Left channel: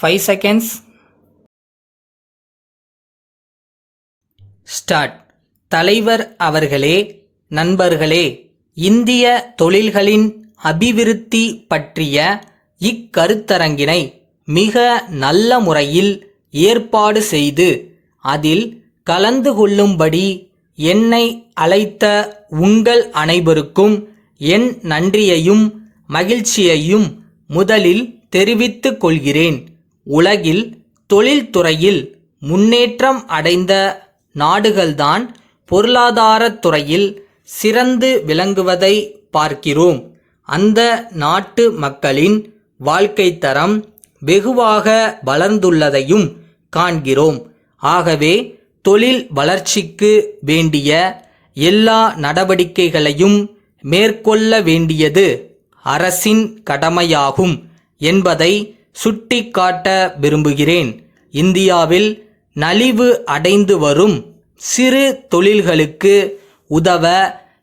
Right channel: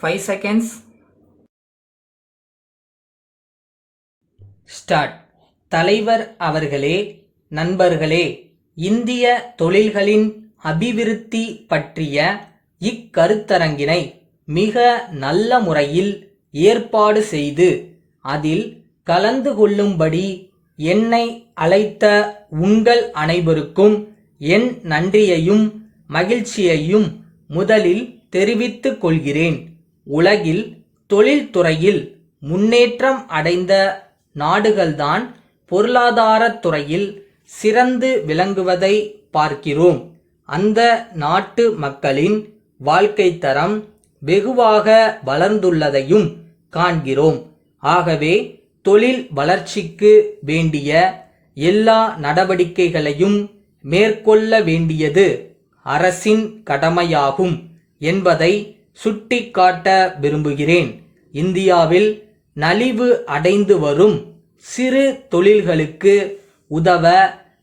5 seconds. Start. தலைவர் அவர்களே, நண்பர்களே, இந்திய தொழில்களின் அபிவிருத்தி பற்றிய இக்கருத்தரங்கினை மிக நல்ல முறையில் ஏற்பாடு செய்து அதில் கலந்து கொள்ளும்படி என்னை அழைத்த உங்கள் அனைவருக்கும் என் நன்றியையும் மகிழ்ச்சியையும் முதலில் தெரிவித்துக் கொள்கிறேன். உலகில் தொழில்துறையில் முன்னேற்றம் அடைந்த நாடுகள்தான் பொருளாதாரத் துறையில் சிறந்து விளங்குவதை பார்க்கிறோம். அந்த நாட்டு மக்களின் வாழ்க்கை தரம் வெகுவாக வளர்ந்துள்ளதையும் காண்கிறோம். ஆகவே தொழில் வளர்ச்சிக்கு வேண்டிய எல்லா நடவடிக்கைகளையும் மேற்கொள்ள வேண்டியது அரசின் கடமையாகும் என்பதை சுட்டிக்காட்ட விரும்புகிறேன். இந்தியாவில் நலிவு அடைந்து வரும் சிறு தொழில்களுக்கு உதவ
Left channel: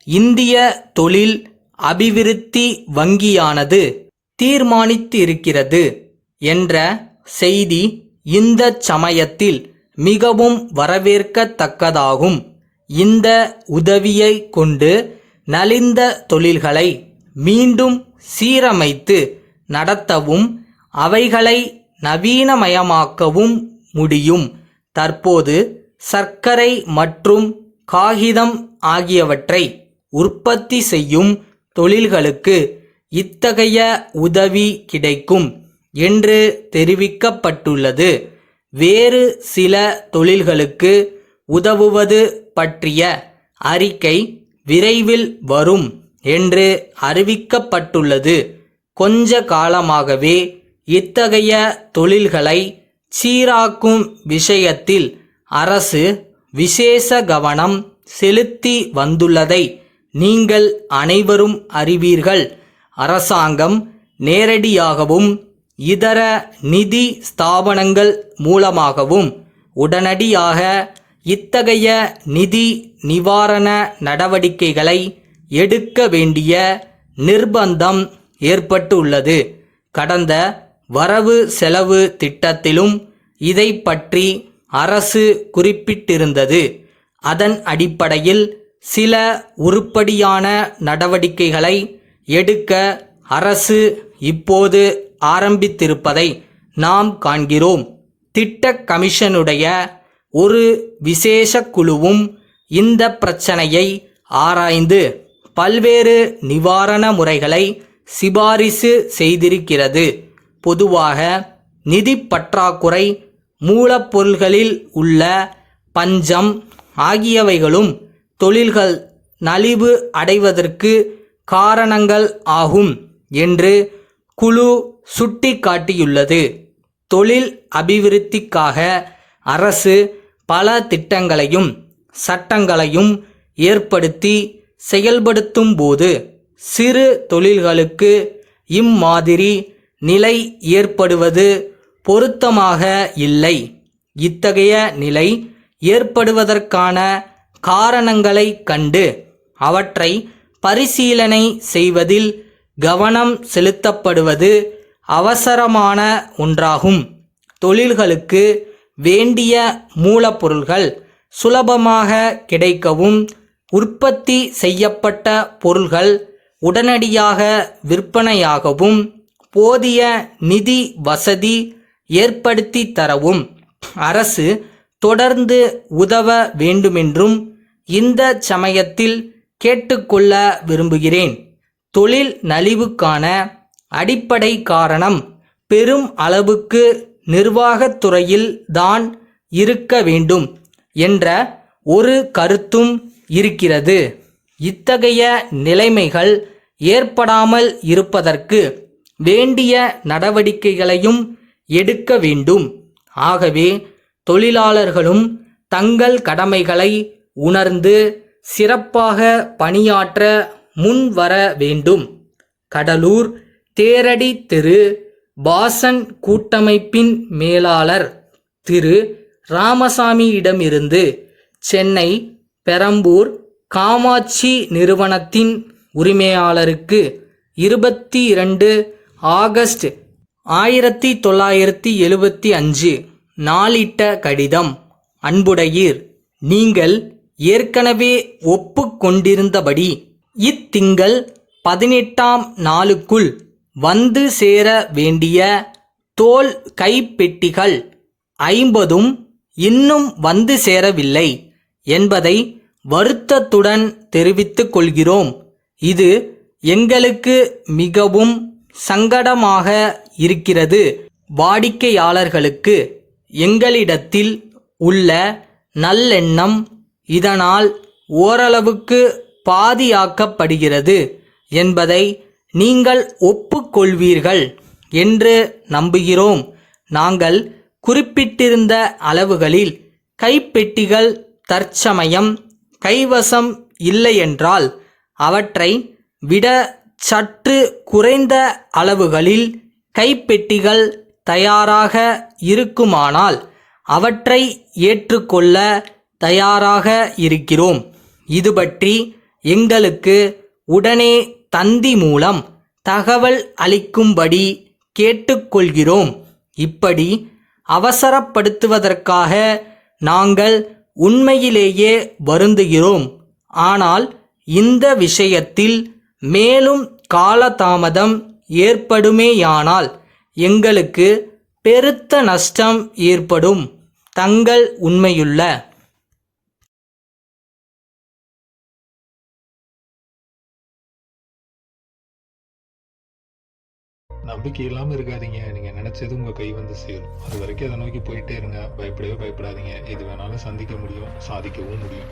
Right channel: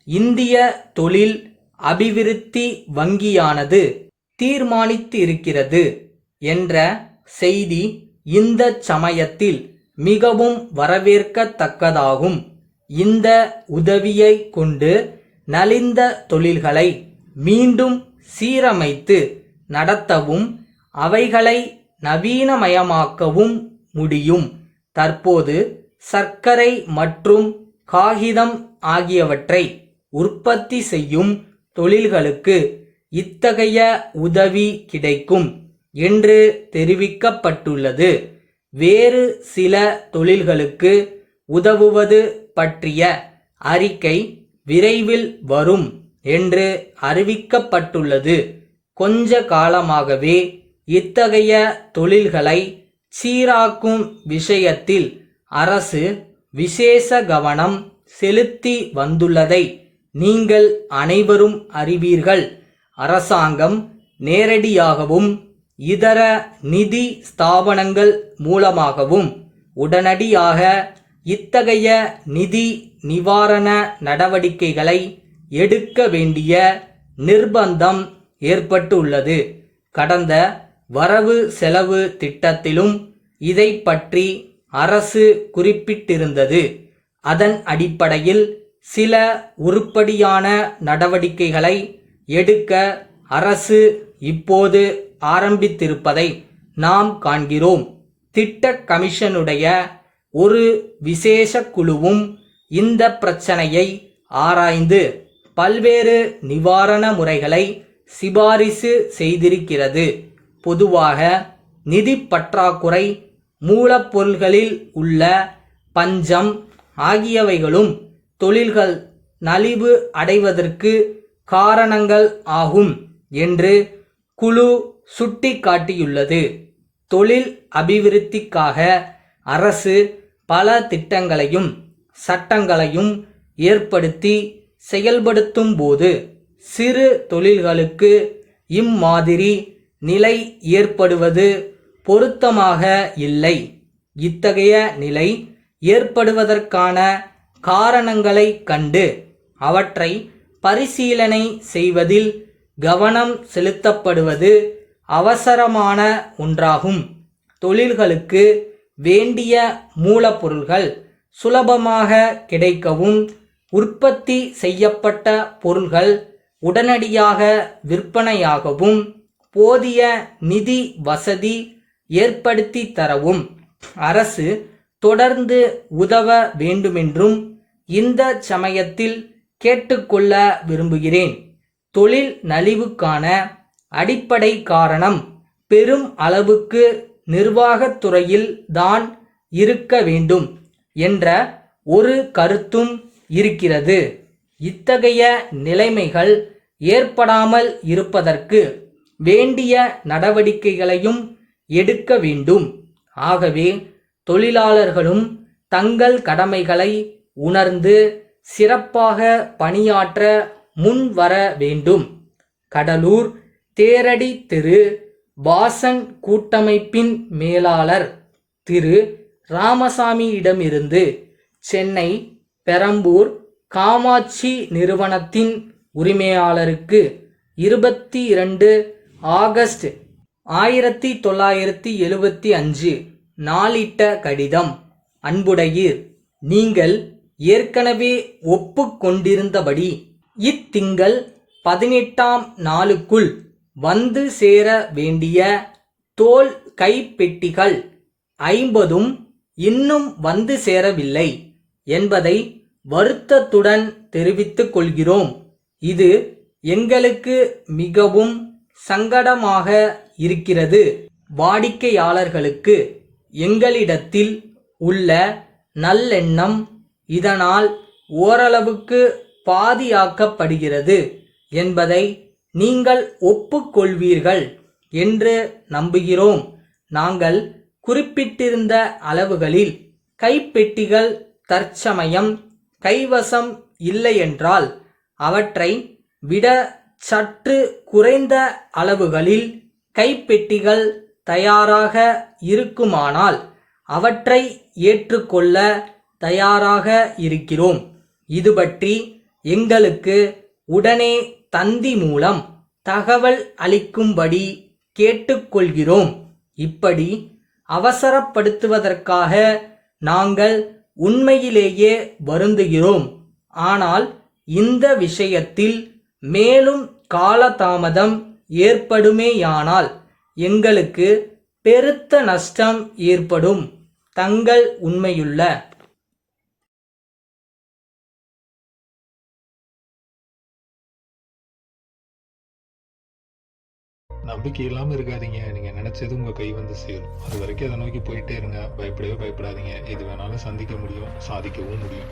இந்திய தொழில் அபிவிருத்தி வங்கியானது தீர்மானித்து இருக்கிறது என்ற செய்தி இந்த சமயத்தில் மிகவும் வரவேற்கத்தக்கதாகும். இந்த உதவியை கொண்டு நலிந்த தொழில்களை மீண்டும் சீரமைத்து நடத்தவும் அவைகளை நவீனமயமாக்கவும் முடியும். தற்போது சர்க்கரை மற்றும் காகிதம் ஆகியவற்றை உற்பத்தி செய்யும் தொழில்களுக்கு இத்தகைய உதவி கிடைக்கும் என்று தெரிவிக்கப்பட்டுள்ளது. வேறு சில தொழில்களுக்கு உதவுவது பற்றிய அறிக்கை விரைவில் வரும் என்று அறிவிக்கப்பட்டுள்ளது. கொஞ்ச காலமாகவே இத்தகைய தொழில்களை சீராக்கும் விஷயத்தில் அரசு விசேஷ கவனம் செலுத்தி வந்துள்ளதை நீங்கள் அனைவரும் அறிவீர்கள். அரசாங்கம் நேரடியாகவும் இதர நிதி ஸ்தாபனங்கள் மூலமாகவும் உடனடியாக இத்தகைய நிதி நிவாரண நடவடிக்கைகளை எடுக்க வேண்டிய நிர்பந்தம் ஏற்பட்டுள்ளது. கடந்த வரவு செலவு திட்டத்திலும் இதை பற்றி அரசு குறிப்பிட்டிருந்தது. அதன் அடிப்படையில் சில உருப்படியான நடவடிக்கைகளை எடுக்க அரசு இப்போது ஆரம்பித்திருப்பதை நாம் காண்கிறோம். திட்ட கமிஷனுடைய ஒரு விசேஷ குழுவும் இந்த பிரச்சனையை ஆராய்ந்து பல்வேறு நிவாரண முறைகளை சிபாரிசு செய்திருக்கிறது. பொதுவாக நிதி பற்றாக்குறை, மூலப்பொருள்களில் உள்ள பஞ்சம் ஆகியவைகளும் தொழில்கள் நலிவு அடைவதற்கு காரணங்கள் ஆகும் என்று குழு சுட்டிக்காட்டியுள்ளது. தொழில் அபிவிருத்திக்காக அரசு பல திட்டங்களையும் சட்டங்களையும் ஏற்படுத்தி செயல்படுத்தும் போது சிறு தொழில்களுக்கு இம்மாதிரி நிலை ஏற்படுவது பொருத்தமாக இல்லை. இத்தகைய நிலை ஏற்படுவதற்கான காரணங்களை கண்டு அவற்றை பரிசீலனை செய்வதில் கவனம் செலுத்தப்படுவது அவசரமான ஒன்றாகும். தொழில்களுக்கு வேண்டிய மூலப்பொருள்கள் சுலபமாக கிடைக்கவும், உற்பத்தி செய்யப்பட்ட பொருள்கள் உடனடியாக விற்பனையாகவும் போதிய நிதி வசதி ஏற்படுத்தி தரவும் அரசு தொடர்ந்து உதவ வேண்டுமென்றும் இந்த சமயத்தில் கேட்டுக்கொள்ள விரும்புகிறேன். தொழில் நலிவுக்கான அடிப்படை காரணம் பெரும் அளவுக்கு நிர்வாகத்துறையில் தான் இருக்க வேண்டும் என்ற ஒரு கருத்தும் இருக்கிறது. இத்தகைய நிலைமைகள் ஏற்படாமல் இருப்பதற்கு வேண்டிய நடவடிக்கைகளையும் எடுக்க வேண்டும். ஆகவே தொழிலாளர்களும் தங்கள் கடமைகளை உணர்ந்து சிறப்பாக பணியாற்ற முன்வர வேண்டும். கடலூர் தேரடி திரு பாசன் கூட்டமைப்பின் மேலாளர் திரு ராமசாமியிடமிருந்து சென்னை பெரம்பூர் காமாட்சி நிறுவனத்தின் உரிமையாளருக்கு 22 ஆகஸ்ட் 1975 நாளிட்ட கடிதம். அன்புடையீர், நீங்கள் ஏற்கனவே ஒப்புக்கொண்டிருந்தபடி இத்திங்கள் 18ஆம் நாளுக்குள் வந்து சேர வேண்டிய தோல் கைப்பெட்டிகள் 50 இன்னும் வந்து சேரவில்லை என்பதை வருத்தத்துடன் தெரிவித்துக் கொள்கிறோம். இது எங்களுக்கு மிகவும் சங்கடமாக இருக்கிறது. வாடிக்கையாளர்களுக்கு எங்களிடத்தில் உள்ள நல்லெண்ணம் இதனால் ஓரளவுக்கு பாதியாக்கப்படுகிறது என்பதை நீங்கள் ஒப்புக்கொள்வீர்கள் என்று நம்புகிறோம். நாங்கள் குறிப்பிட்டிருந்த அளவுகளில் கைப்பெட்டிகள் தற்சமயம் கைவசம் இல்லையென்றால் அவற்றை விட சற்று குறைந்த அளவுகளில் கைப்பெட்டிகள் தயாராக இருக்குமானால் அவற்றை ஏற்றுக்கொள்ள தயாராக இருக்கிறோம். இது பற்றி எங்களுக்கு உடனே தந்தி மூலம் தகவல் அளிக்கும்படி கேட்டுக்கொள்கிறோம். இப்படி அவசரப்படுத்துவதற்காக நாங்கள் உண்மையிலேயே வருந்துகிறோம். ஆனால் இந்த விஷயத்தில் மேலும் காலதாமதம் ஏற்படுமேயானால் எங்களுக்கு பெருத்த நஷ்டம் ஏற்படும். தங்கள் உண்மையுள்ள நம்பிக்கை இல்லாமல் இருக்காதீங்க. நீங்கள் நினச்சது உங்கள் கை வந்து சேரும். அது வரைக்கும் அதை நோக்கி போயிட்டே இருங்க. பயப்படவே பயப்படாதீங்க. எது வேணாலும் சந்திக்க முடியும், சாதிக்கவும் முடியும்.